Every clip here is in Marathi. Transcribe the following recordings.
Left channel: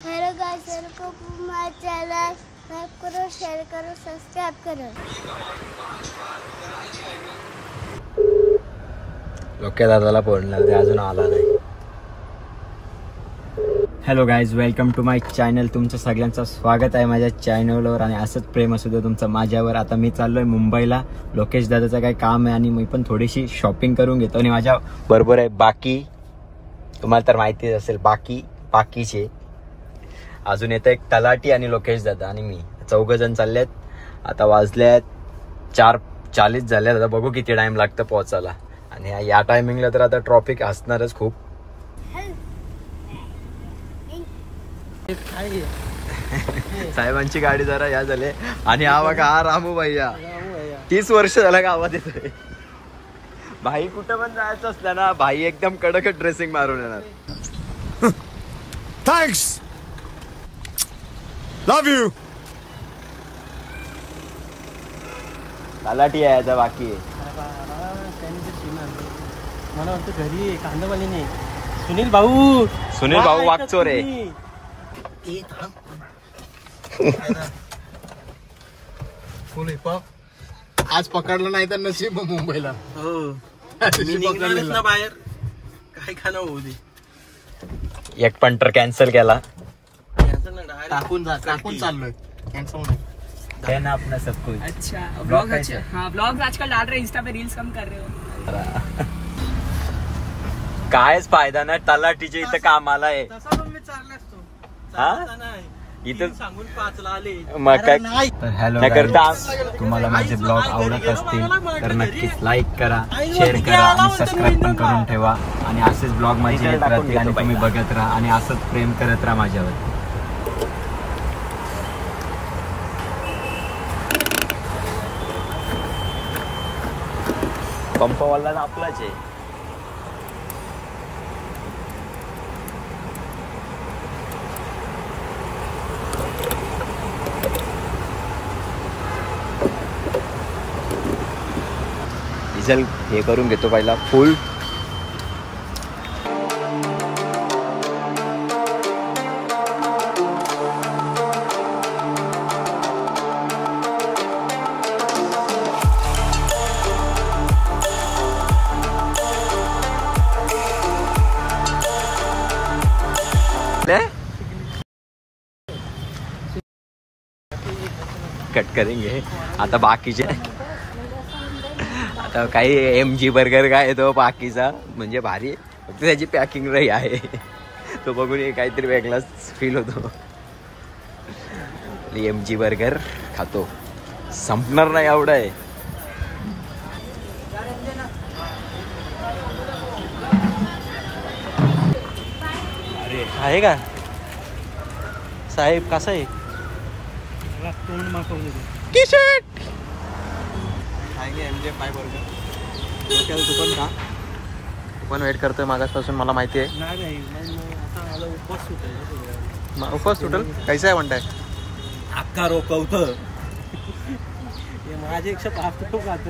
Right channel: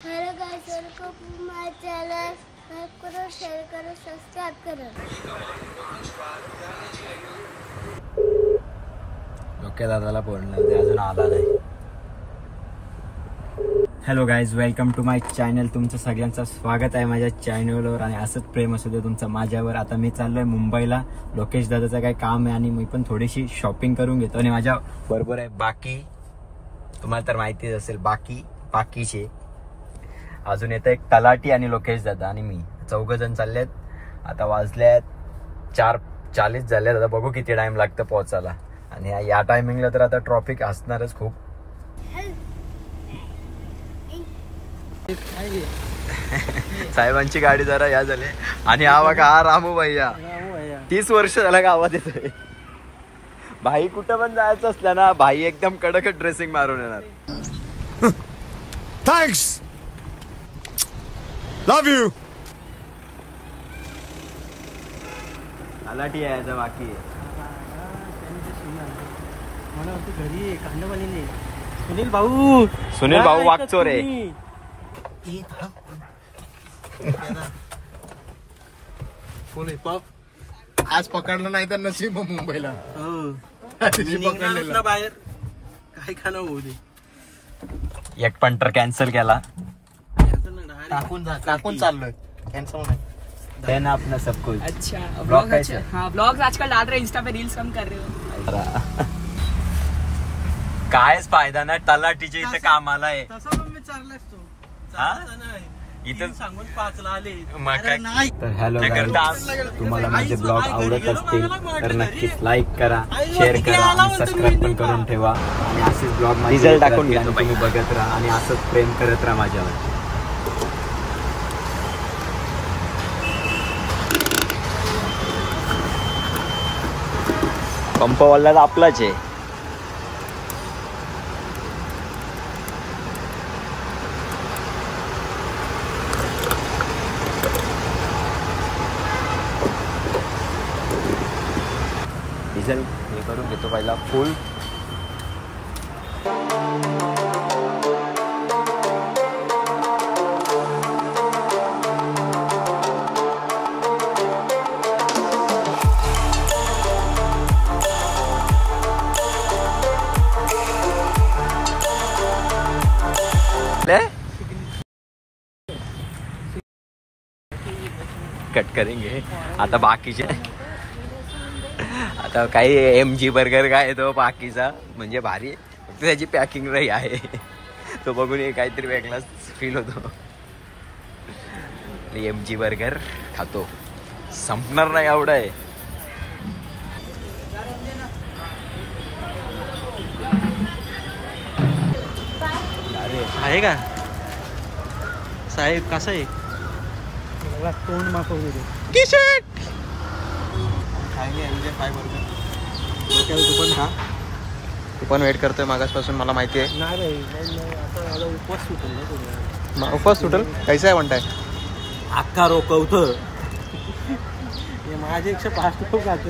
Hello guys, welcome to my channel. Like करो, शेयर करो, सब्सक्राइब करो। लोके दादाला फोन लावते, अजून आला नाही. Hello guys, welcome to my channel. तुमचं सगळ्यांचं स्वागत आहे माझ्या चॅनलवर आणि असंच प्रेम असू दे तुमचं माझ्यावर. आता मी चाललोय मुंबईला. लोकेश दादाचं काही काम आहे आणि मी पण थोडीशी शॉपिंग करून घेतो. आणि माझ्या बरोबर आहे बाकी, तुम्हाला तर माहितीच असेल बाकीचे अजून येतं एक तलाठी आणि लोकेश दादा आणि मी, 4 जण चाललेत. आता वाजल्यात 4:40 झाल्यात. आता बघू किती टाइम लागतं पोहोचायला. आणि या टायमिंगला तर आता ट्रॉफिक असणारच खूप. साहेबांची गाडी जरा या झाले. आणि हा बघा, हा रामू भैया 30 वर्ष झाला गावात येतोय. भाई कुठं पण जायचं असलं ना, भाई एकदम कडक ड्रेसिंग मारून येणार. Thanks, love you. तलाठी यायचा बाकी आहे. मला वाटतं घरी कांदावाली नाही. सुनील भाऊ वागचोर आहे. आज पकडलं नाही तर नशीब मुंबईला. बाहेर काय खाणं होऊ दे. एक पंटर कॅन्सल केला. टाकून चाललोय. देना अपना सब कुछ. अच्छा ब्लॉग. अच्छा हाँ, ब्लॉग्स आजकल डाल रहे, इंस्टा पे रील्स कम कर रहे हो. कायच फायदा नाही. तलाठीच्या इथं कामाला आहे. इथं सांगून 5ला आले. मग काय. तर हॅलो, तुम्हाला माझे ब्लॉग आवडत असतील तर नक्कीच लाईक करा, शेअर करा आणि सबस्क्राईब पण करून ठेवा. आणि असेच ब्लॉग माझे टाकून घेतो, तुम्ही बघत राहा आणि असंच प्रेम करत राहा माझ्यावर. पंपवाला आपलाच आहे. डिझेल हे करून घेतो पहिला फुल. कट करेंगे आता बाकीचे. आता काही MG बर्गर काय तो बाकीचा म्हणजे भारी, फक्त त्याची पॅकिंग नाही आहे. तो बघून काहीतरी वेगळाच फील होतो. MG बर्गर खातो, संपणार नाही एवढं आहे. अरे आहे का साहेब, कसा आहे तोंड मागवले टी शर्ट. तू पण खा. तू पण वेट करतोय मागासपासून, मला माहिती आहे. नाही आता उपवास सुटेल ना. उपवास सुटेल कैसा आहे म्हणताय. अख्खा रोकवत माझे 105 लोक खात.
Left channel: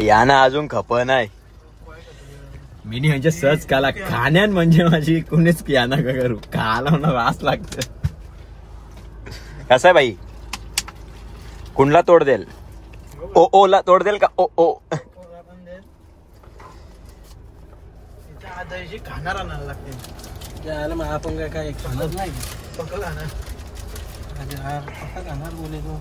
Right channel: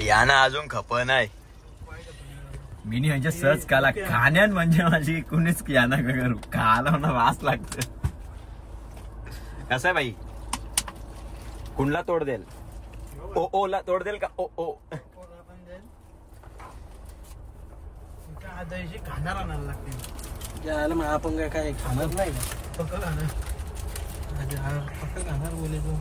या ना, अजून खप नाही. मी म्हणजे सहज काला खाण्यान म्हणजे माझी कोणीच या ना करू. खाला ना वास लागत. कसं आहे भाई, कुणला तोड देल. ओला तोड देल का. ओ खाणार आणायला लागते. याला मग आपण काय खाणार नाही फक्त खाणार बोले तो.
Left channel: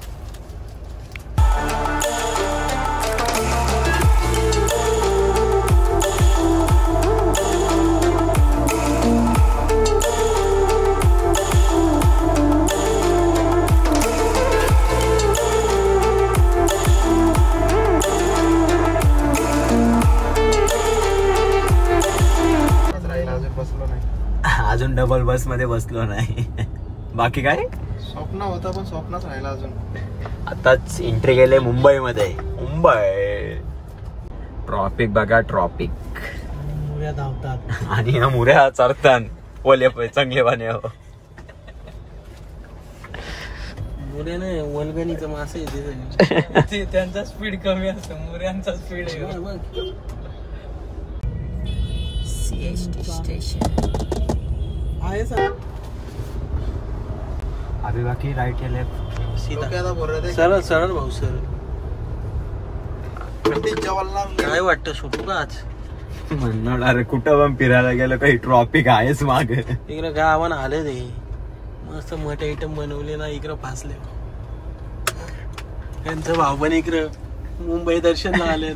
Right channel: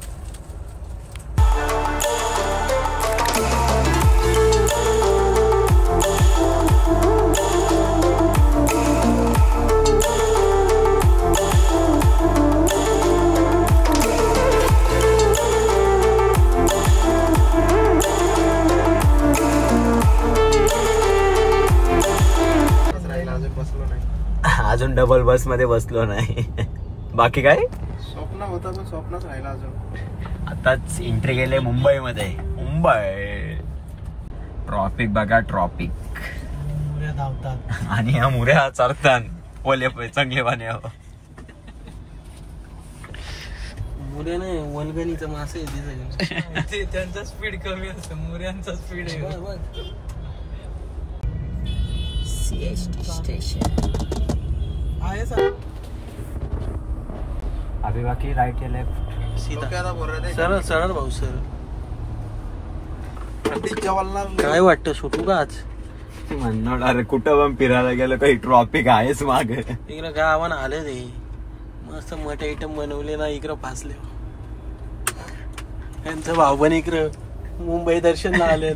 अजून डबल बस मध्ये बसलो नाही. बाकी काय स्वप्न होतं पण स्वप्नच राहिलं अजून. आताच एंट्री केले मुंबईमध्ये. मुंबई ट्रॉफिक बघा, ट्रॉफिक. मुऱ्या धावतात आणि या मुऱ्या चरतात ओले चांगले पाणी. मुऱ्या नाही, वलगणीचं मासे येते. त्यांचा स्पीड कमी असतो, मुऱ्यांचा स्पीड स्टेशन आहे सर अभी बाकी राईट या लेफ्ट सीधा सरळ सरळ भाऊ सरळ. काय वाटतं सुटू का आज? म्हणणार अरे कुठं पण फिरायला गेलं काही ट्रॉफिक आहेच माग. इकडं गावान आलं रे मस्त मोठे आयटम बनवले ना इकडं फासले. त्यांचं भाऊ पण इकडं मुंबई दर्शनला आले.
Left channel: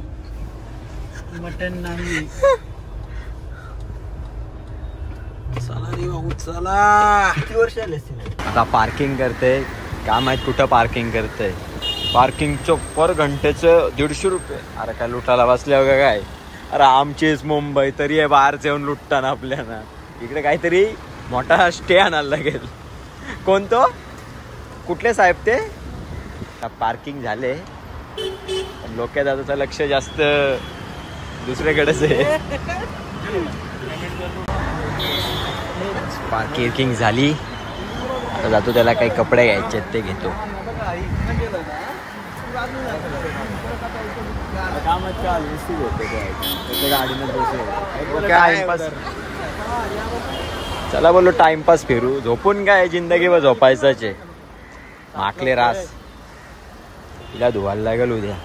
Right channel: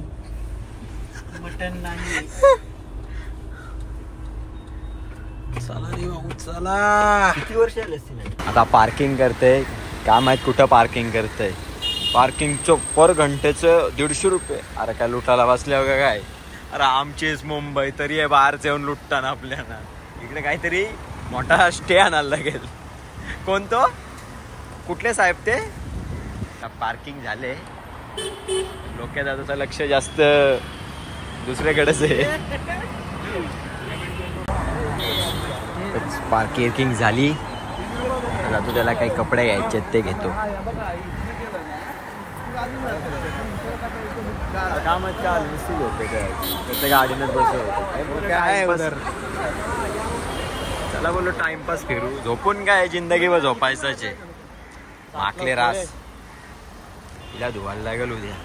मटन नाही. चला रे भाऊ चला. किती वर्ष आले असतील? आता पार्किंग करते काय माहित कुठं पार्किंग करते. पार्किंगचं पर घंटेचं 150 रुपये. अरे काय लुटायला बसल्या का काय? अरे आमचीच मुंबई तरी आहे बाहेरच येऊन लुटताना आपल्याला. इकडे काहीतरी मोठा स्टे आणायला लागेल. कोणतो कुठले साहेब ते? पार्किंग झाले लोक दादाचं लक्ष जास्त दुसऱ्याकडेच आहे. पार्किंग झाली आता जातो त्याला काही कपडे घ्यायचे ते घेतो. कामात काल निश्चित होते काय गाडीमध्ये बसले होते टाइमपास. चला बोललो टाइमपास फिरू. झोपून काय जिंदगीवर झोपायचंच आहे. माकले रास तिला धुवायला लागेल उद्या.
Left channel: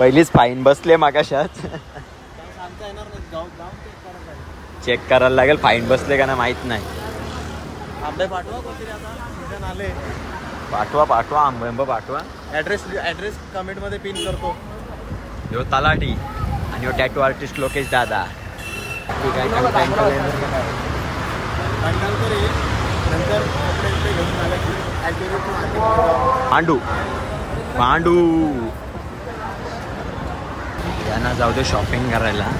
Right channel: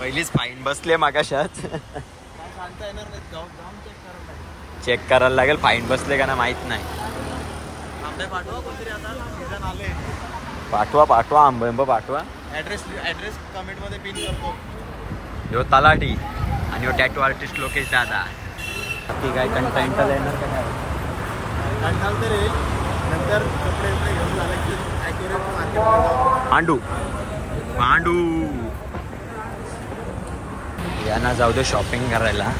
पहिलीच फाईन बसले मागाशात. चेक करायला लागेल फाईन बसले का ना माहित नाही. पाठवा पाठवा आंब पाठवा. ऍड्रेस कमेंट मध्ये पिन करतो. ह्यो तलाठी आणि ह्यो टॅटू आर्टिस्ट लोकेश दादा. बाकी काय कंटेंट येणार का काय? कंटाळ तर येईल. नंतर कपडे बिपडे घेऊन झाले की ॲक्युरेट मार्केटमध्ये जाऊ. मांडू मांडू यांना जाऊ दे शॉपिंग करायला.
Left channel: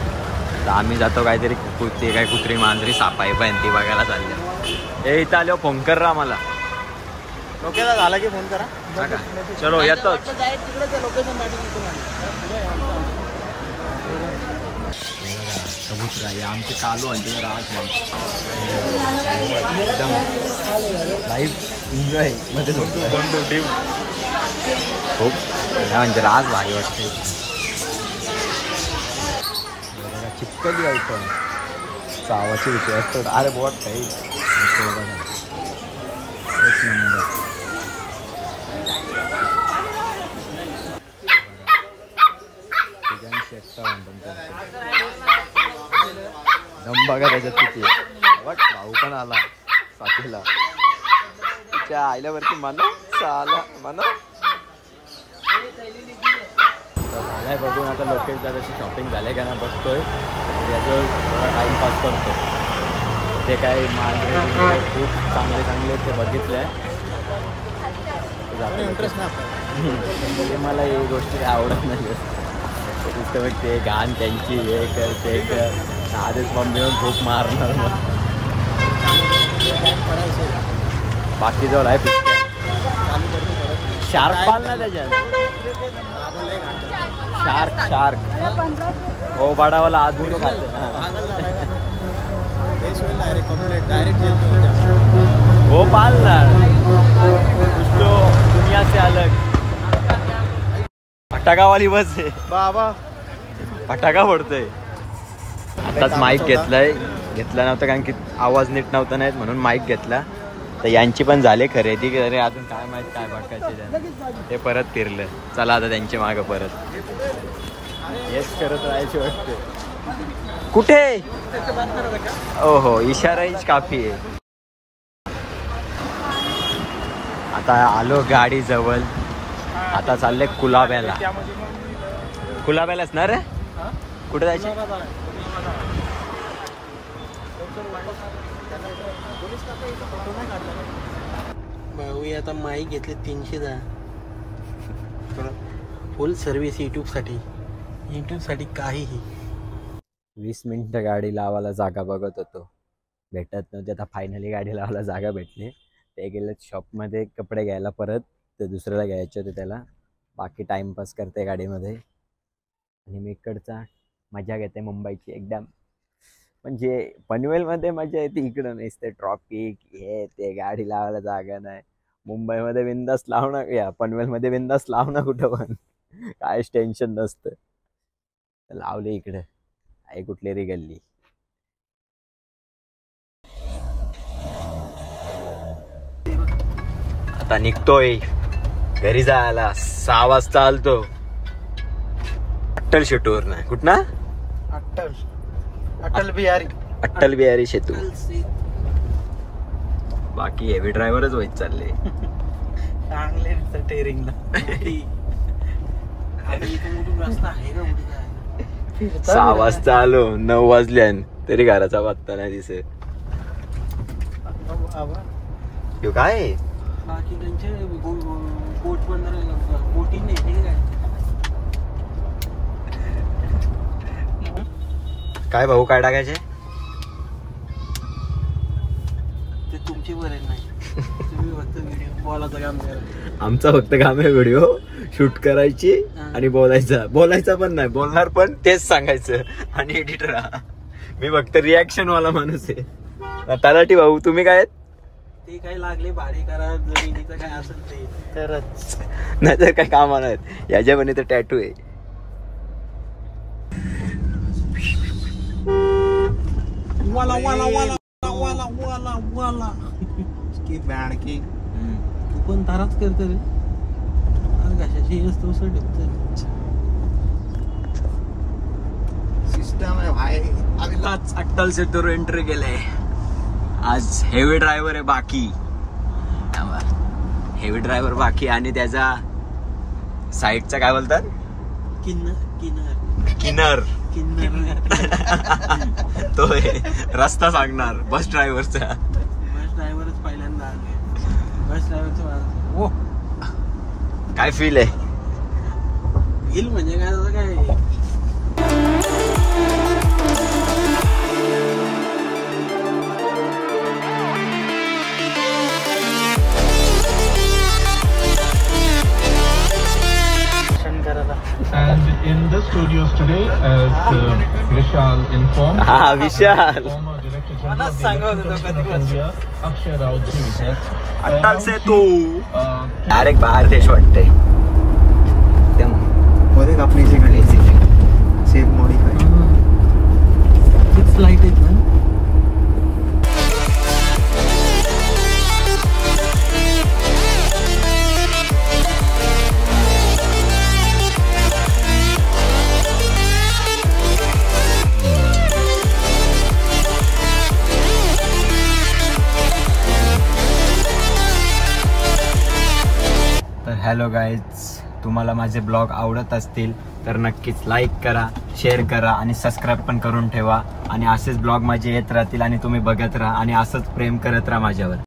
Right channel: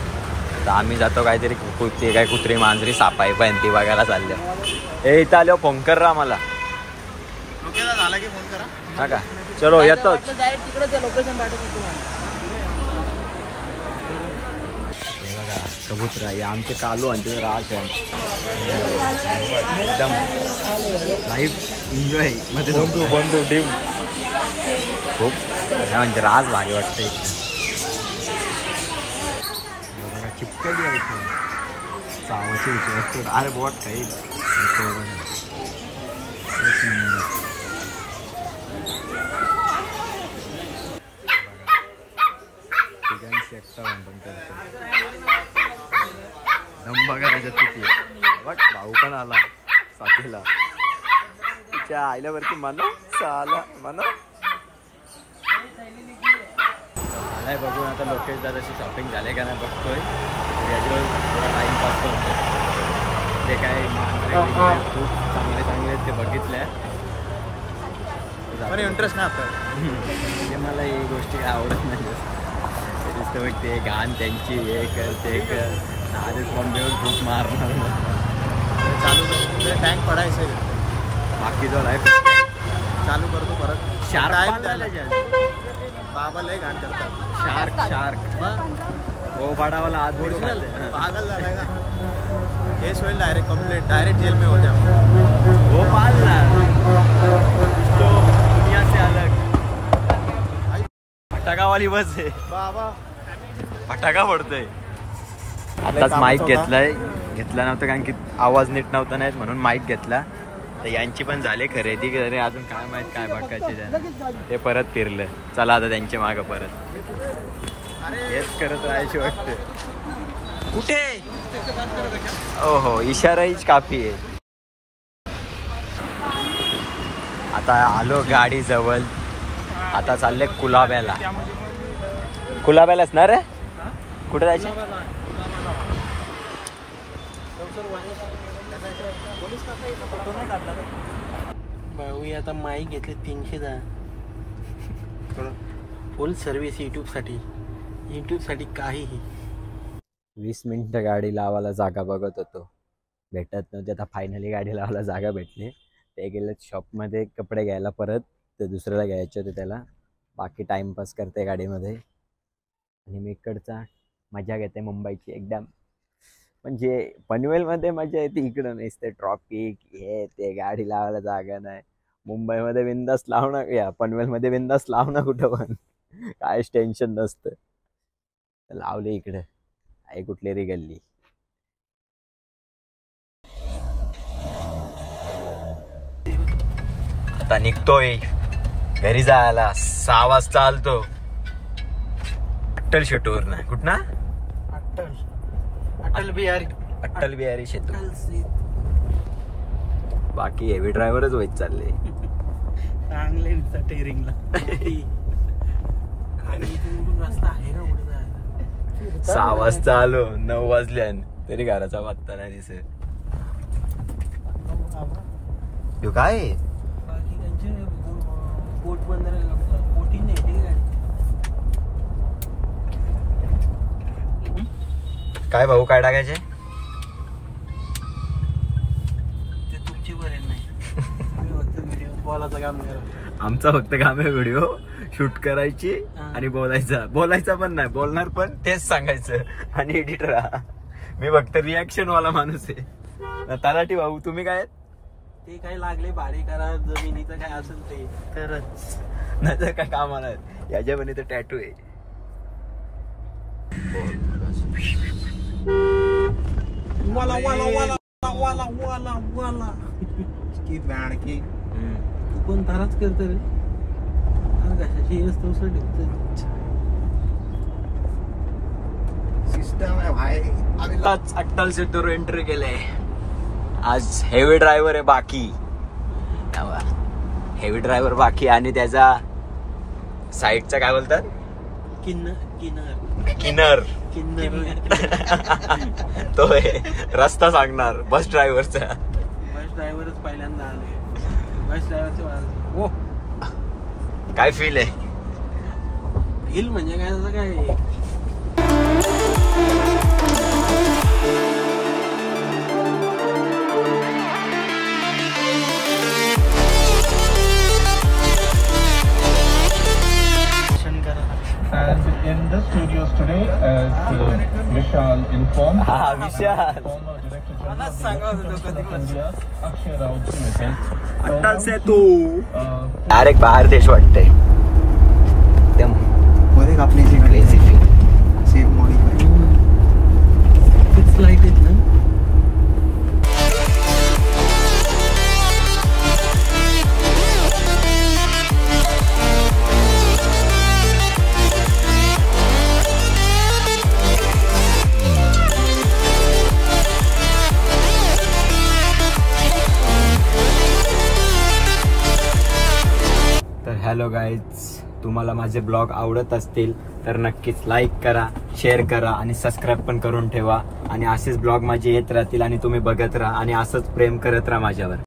तर आम्ही जातो काहीतरी ते काय कुत्री मांजरी सापाई पण ती बघायला चालल्या. हे इथं आल्यावर फोन कर रा मला. डोक्याला झाला की फोन करा. हा का चलो येतो. बघा कबूतरा हे आमचे कालू आणि तिथे राज आहे. एकदम लाईफ एन्जॉय मध्ये खूप म्हणजे राज भारी वाटते. बघा चिपकली आयटम सावाची विषय. अरे बोट काही एक नंबर. दम बघा त्याच्यात किती. बघ भाऊ पण आला साथीला. तिच्या आईल्यावरती म्हणा चाला म्हणा. झालाय बघून आता लोकेश दादाची शॉपिंग झाले का नाही बघतोय. याच्यावर थोडा टाइमपास करतो. ते काय मांजरे खूप चांगले चांगले ते बघितले. इंटरेस्ट नाही आपल्याला. ते मला ही गोष्टी काय आवडत नाही. ते दिसतं बघ ते घाण त्यांची हे कर ते कर. आधीच मम्मीवर भूक मारणार मग. चालू टाइम करायचं. बाकी जवळ आहे चालू करतो परत. शार्क पाळला त्याच्यात. बाबा लय घाण करतात. शार्क शार्क हो बडावाला आज बोलू पागल झालाय का? केस होईल डायरेक्ट कंप्लेंट. डायरेक्ट जेल में हो जाओ. हो पाल ना कुछ तो दुनिया से अलग. फटाकावाली बस आहे बाबा. फटाका पडतोय. आताच माईक घेतलाय. घेतला नव्हता कारण की आवाज नीट नव्हता नाहीत म्हणून माईक घेतला. तर यांची पण झाले खरेदी. अरे अजून काय माहित काय बघायचे त्यांना. ते परत फिरलं. चला आता त्यांच्या मागं परत हेच करत राहायचे वाटते. कुठे ओहो इशाराहीच काफी आहे. आता आलो गाडी जवळ. आता चालले कुलाब्याला. कुलाब्यालाच ना रे कुठे जायचे? भाऊ आता माईक घेतले 310. फुल सर्व्हिस युट्यूब साठी काहीही. 20 मिनिटं गाडी लावायला जागा बघत होतो. भेटत नव्हती. आता फायनली गाडी लावायला जागा भेटली. ते गेले शॉपमध्ये कपडे घ्यायला परत. ते दुसऱ्याला घ्यायचे होते त्याला. बाकी टाइमपास करते गाडीमध्ये. आणि मी इकडचा मजा घेते मुंबईची एकदम. म्हणजे पनवेलमध्ये मजा येते. इकडं नसते ट्रॉफिक हे ते गाडी लावायला जागा नाही. मुंबईमध्ये बिंदास लावणं या पनवेलमध्ये बिंदास लावणं कुठं पण काहीच टेन्शन नसतं. लावले इकडं आहे कुठली री गल्ली. आता निघतोय घरी जायला. 6 वाजता आलतो अट्टल शेटूवर ना कुठं अट्टल बिहारी शेतू. बाकी हेवी ड्रायव्हरच होत चालले. 6 वाजता आलो 9 वाजल्यान तरी घराचा पत्ता नाही दिसत. यो काय काय भाऊ काय टाकायचे ते तुमची बरेच नाही. बोलायचं काम नाही. आमचा फक्त काम आहे व्हिडिओ शूट करायची आणि बोलायचा पण नाही बोलणार पण तेच सांगायचं आणि एडिटर मी फक्त रिॲक्शन वाला माणूस आहे. तलाठी भाऊ तुम्ही काय ते काही लागले भाडे करा जमिनीचं काय असेल ते तरच नाही तर काही काम नाही. याच्या पण तर टॅटू आहे. वाला वाला वाला वाला वाला वाला की बँड की तू पण ताराच करते रे. कशाची असतो सिस्टम आहे भाई. आम्हीलाच अट्टल सेतूर एंट्री केले. आज हेवी ड्रायव्हर आहे बाकी हेवी ड्रायव्हर बाकी आणि त्याचा साईडचा काय बोलतात किन्नर तो रस्ता सांगणार बस ड्रायव्हरचा. बस ड्रायव्हरच पहिल्यांदा आले. बस ड्रायव्हरचं ओ काय फील आहे फील म्हणजे काय झालं काय And in the studios today, as Vishal informed, Vishal former Director General of the Electric Company of India, Akshay Rautji has Attal Setu direct बाहेर देश वाटतंय. एकदम मध्ये आपली सेम मॉडिफाय किती लाईट आहेत ना. हॅलो गाईज, तुम्हाला माझे ब्लॉग आवडत असतील तर नक्कीच लाईक करा, शेअर करा आणि सबस्क्राईब पण करून ठेवा. आणि असेच ब्लॉग माझे येत राहतील आणि तुम्ही बघत राहा आणि असंच प्रेम करत राहा माझ्यावर.